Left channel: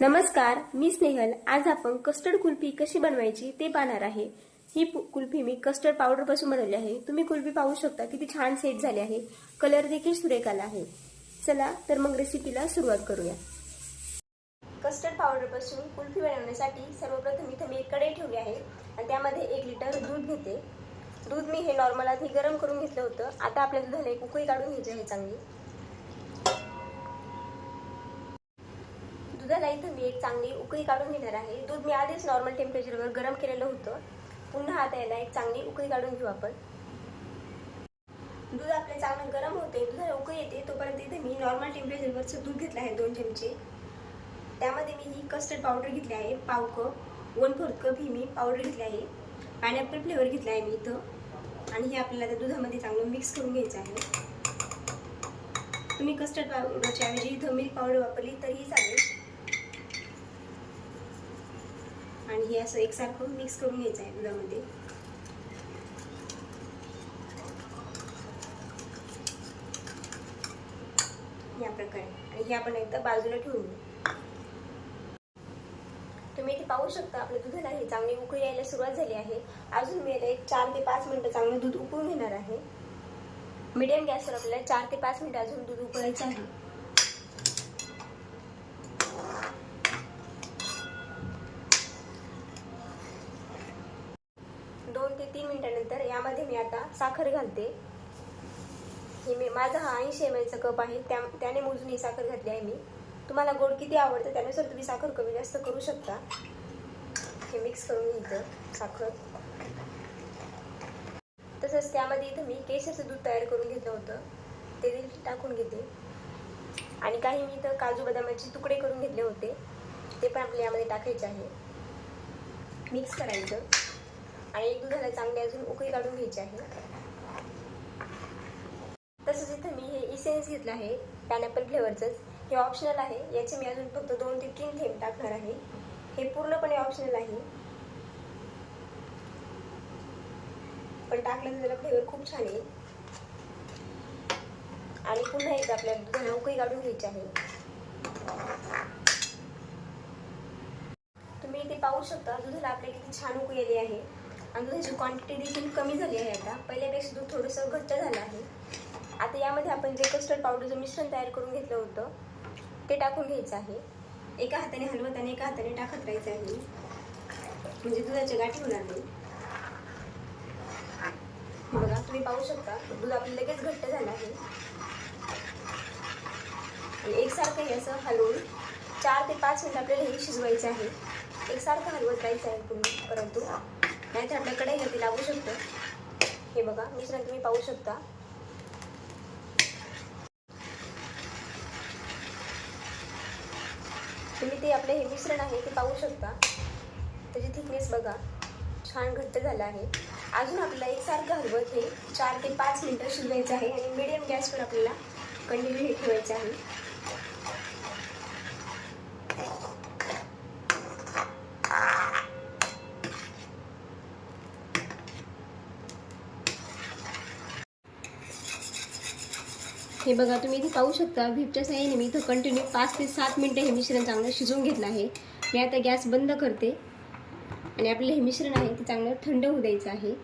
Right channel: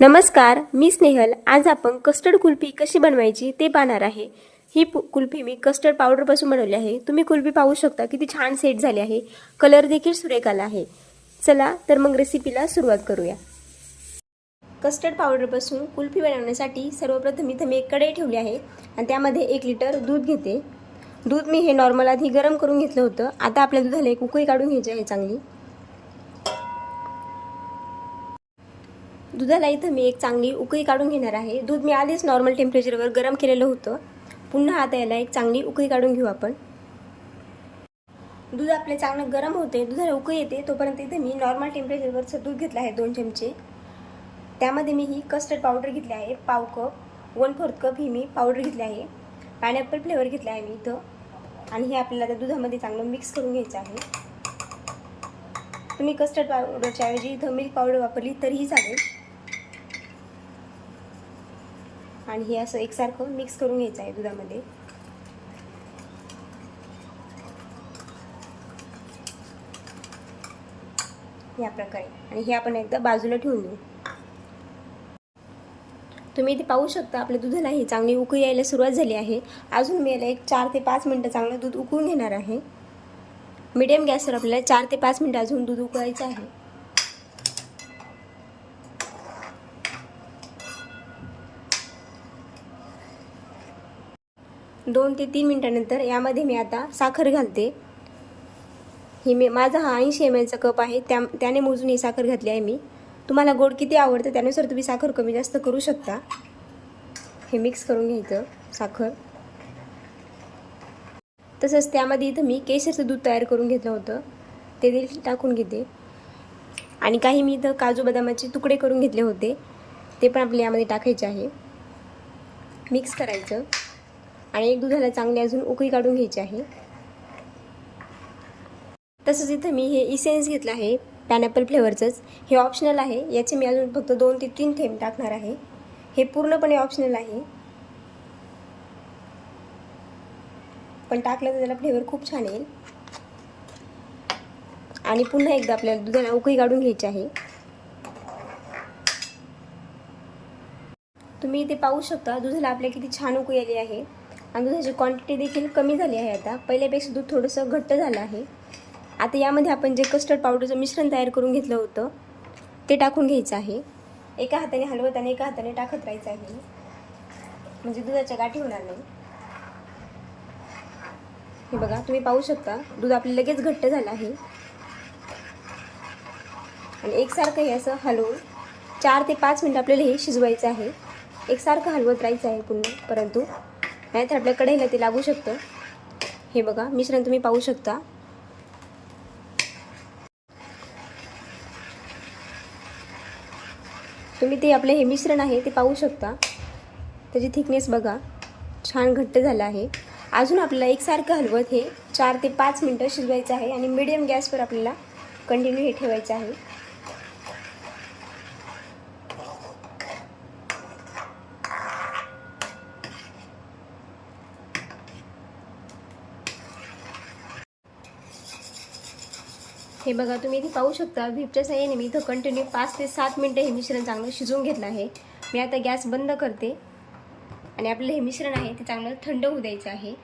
नमस्कार, मी स्नेहल. आज आपण कस्टर्ड कुल्फी कशी बनवायची ते पाहणार आहे. ही कुल्फी मी कस्टर्ड पावडरपासून बनवली आहे. तुम्ही कुल्फी पाहू शकता किती छान सेट झाली आहे. कलर देखील सुरेख आला आहे. चला तर मग रेसिपीला सुरुवात करूया. कस्टर्ड पावडरपासून कुल्फी बनवण्यासाठी सर्वप्रथम इथं मी एक कढई ठेवली आहे आणि त्यामध्ये 1 लिटर दूध घेते. दूध मी हे नॉर्मल आधी गरम करून घेतलं होतं. आता आपल्या दुधाला एक उकळी काढून घ्यायची आहे चांगली. दुधाला इथं मी एक चांगली उकळी काढून घेणार आहे. दूध मी आधीच नॉर्मल टेम्परेचरवर गरम केलेलं होतं. पुन्हा आता याला एक चांगली उकळी काढून घेऊ आपण. दूध आपले चांगलं गरम होते, दुधाला उकळी येते तोपर्यंत इथे मी नॉर्मल टेम्परेचरवरचं दूध घेतलं आहे 2 चमचे. त्यामध्ये मी ही कस्टर्ड पावडर घेतली आहे पाव कप, 1/4 कप ही मी पावडर घेतली आहे. पायनॅपल फ्लेवर घेतला आहे मी इथं आणि हे आपल्याला त्या दुधामध्ये चांगलं मिक्स करून घ्यायचं आहे. तुम्ही कस्टर्ड पावडरच्या ऐवजी इथं मिल्क पावडर वापरली तरीही चालेल. आणि हे असं एकसारखं मिक्स करून घ्यायचं आहे दुधामध्ये. या प्रकारे आणि हे आपण एकदा बाजूला ठेवून देऊ. तुम्ही इथे पाहू शकता आपल्या दुधाला ही चांगली उकळी यायला सुरुवात झाली आहे. अजून मी याला एक 4 ते 5 मिनिटं चांगलं दूध उकळून घेणार आहे. मीडियम गॅसवर आपल्याला 4 ते 5 मिनिटं अजून दूध उकळायचं आहे. 2 ते 3 मिनिटांनंतर यामध्ये मी आता साखर घालते. ही माझा हा 80 ml चा कप आहे, त्याने मोजून ही साखर घातली आहे मी. तुम्हाला गोड किती आवडतं त्यानुसार तुम्ही साखर कमी जास्त करू शकता. हे मिक्स करून घ्यायचं साखर. तसंच त्यामध्ये इथं मी केशरचं दूध तयार करून घेतलं होतं, ते देखील टाकून घेते. आणि काही मी इथं काजू बदामाचे तुकडे करून घेतले होते, ते पण आपल्याला यामध्ये टाकायचे आहे. मिक्स करायचं आणि एक दुधाला चांगली अजून उकळी काढून घ्यायची आहे. तसंच इथं मी हे इसेन्स घेतलं आहे पायनॅपल फ्लेवरचंच. हे ऑप्शनल आहे, याचे मी अजून फक्त 2 ते 3 थेंब टाकणार आहे. हे पूर्णपणे ऑप्शनल आहे, पण टाकलं तर त्याला फ्लेवर खूप छान येईल. आणि पुन्हा एकदा आपल्याला दुधाला उकळी काढून घ्यायची आहे. तुम्ही इथे पाहू शकता दुधाला आपल्या किती छान उकळी आली आहे आणि दुधाची क्वांटिटी देखील कमी झाली आहे. आता पहिल्यापेक्षा दूध थोडंसं घट्ट झालं आहे. आता यामध्ये आपण जे कस्टर्ड पावडरचं मिश्रण तयार करून घेतलं होतं ते टाकून घ्यायचं आहे. एका हाताने हलवत आणि एका हाताने टाकत राहायचं आहे, म्हणजे दुधाच्या गाठी होणार नाही. हे बघा, तुम्ही पाहू शकता दूध आपलं लगेच घट्ट झालं आहे. आणि एकसारखं हे असं हलवून 4 ते 5 मिनिटं आपल्याला हे शिजवायचं आहे. एकसारखं हलवत राहायचं आहे पुन्हा, परंतु नाहीतर आपल्या कढईला ते लागू शकतं. हे बघा, मिश्रण तुम्ही पाहू शकता. तुम्ही ते आपलं हे मिश्रण आहे ते पाहू शकता. त्याची थिकनेस बघा, छान घट्ट झालं आहे. अजून आपल्याला एकसारखं हलवत हे 4 ते 5 मिनिटं शिजवायचं आहे आणि मीडियम गॅसवर आपल्याला कंटिन्यू हे ठेवायचं आहे. हे बघा, तुम्ही इथे पाहू शकता व्हिपच्या साहाय्याने मी इथं कंटिन्यू 5 ते 7 मिनिटं हे मिश्रण चांगलं शिजवून घेतलं आहे. मी आता गॅस बंद करते आणि आपलं हे मिश्रण आहे ते चांगलं थंड होऊ द्यायचं आहे.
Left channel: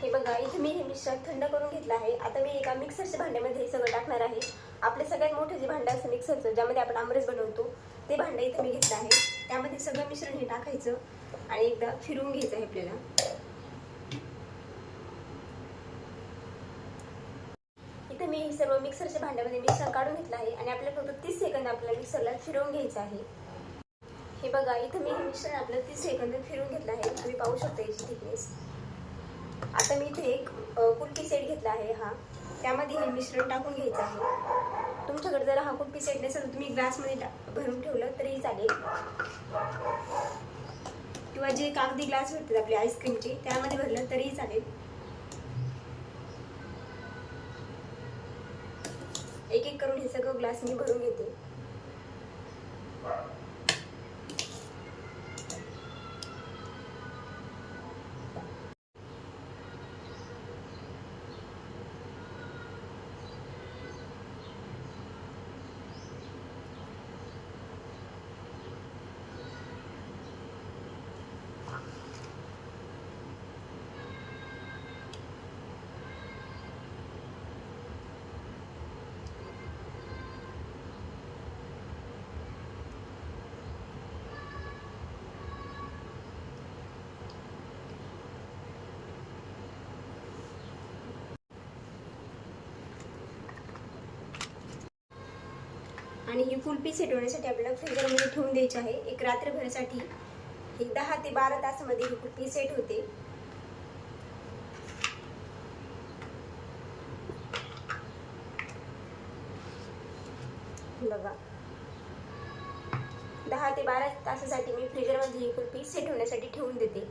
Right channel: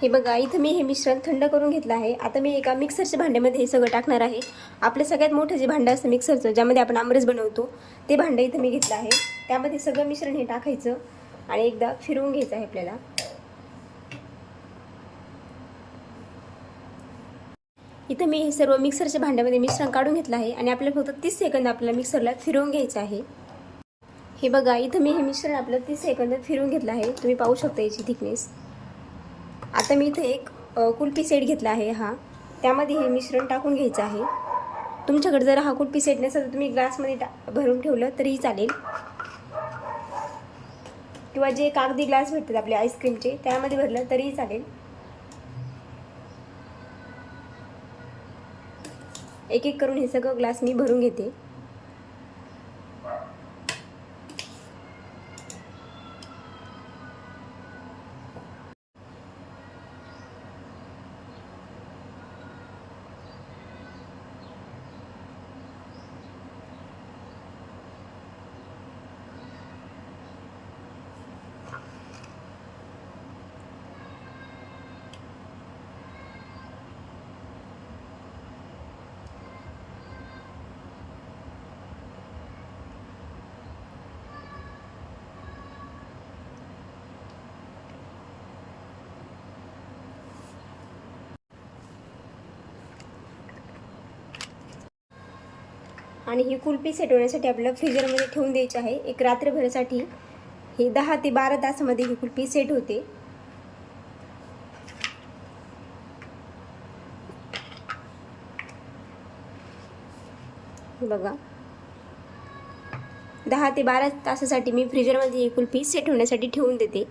हे बघा, इथं मी हे मिश्रण थंड करून घेतलं आहे. आता मी एका मिक्सरच्या भांड्यामध्ये हे सगळं टाकणार आहे. आपलं सगळ्यात मोठं जे भांडं असतं मिक्सरचं, ज्यामध्ये आपण आमरस बनवतो, ते भांडं इथं मी घेतलं आहे. त्यामध्ये सगळं मिश्रण हे टाकायचं आणि एकदा फिरवून घ्यायचं आहे आपल्याला. इथं मी हे सर्व मिक्सरच्या भांड्यामध्ये मिश्रण काढून घेतलं आहे आणि आपल्याला फक्त 30 सेकंद आपल्याला मिक्सरला फिरवून घ्यायचं आहे. हे बघा, इथं मी हे मिश्रण आपलं 30 सेकंद फिरवून घेतलं आहे. तुम्ही पाहू शकता याची थिकनेस. आता मी इथे एक कुल्फी सेट घेतला आहे हा, त्यामध्ये हे मिश्रण टाकून घ्यायचं आहे. तुमच्याकडे जर हा कुल्फी सेट नसेल तर तुम्ही ग्लासमध्ये भरून ठेवलं तरीही चालेल, किंवा जे कागदी ग्लास भेटतात आपले आईस्क्रीमचे त्यामध्ये भरलं तरीही चालेल. एक एक करून हे सगळं ग्लास मी भरून घेते. आणि ही कुल्फी सेट होण्यासाठी आपल्याला फ्रीजरमध्ये ठेवून द्यायची आहे एक रात्रभरासाठी. ही 10 ते 12 तासामध्ये ही कुल्फी सेट होते. बघा 10 ते 12 तासासाठी मी फ्रीजरमध्ये ही कुल्फी सेट होण्यासाठी ठेवून देते.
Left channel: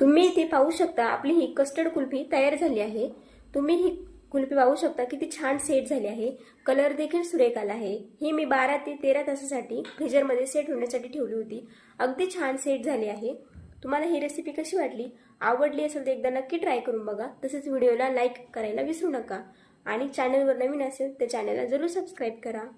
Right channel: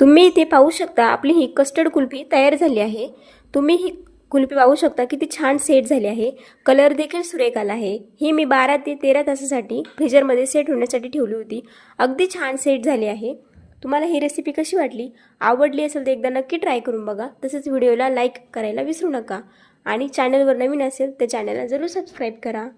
तुम्ही इथे पाहू शकता आपली ही कस्टर्ड कुल्फी तयार झाली आहे. तुम्ही ही कुल्फी पाहू शकता किती छान सेट झाली आहे. कलर देखील सुरेख आला आहे. ही मी 12 ते 13 तासासाठी फ्रीजरमध्ये सेट होण्यासाठी ठेवली होती. अगदी छान सेट झाली आहे. तुम्हाला ही रेसिपी कशी वाटली? आवडली असेल तर एकदा नक्की ट्राय करून बघा. तसेच व्हिडिओला लाईक करायला विसरू नका आणि चॅनलवर नवीन असेल तर चॅनलला जरूर सबस्क्राईब करा.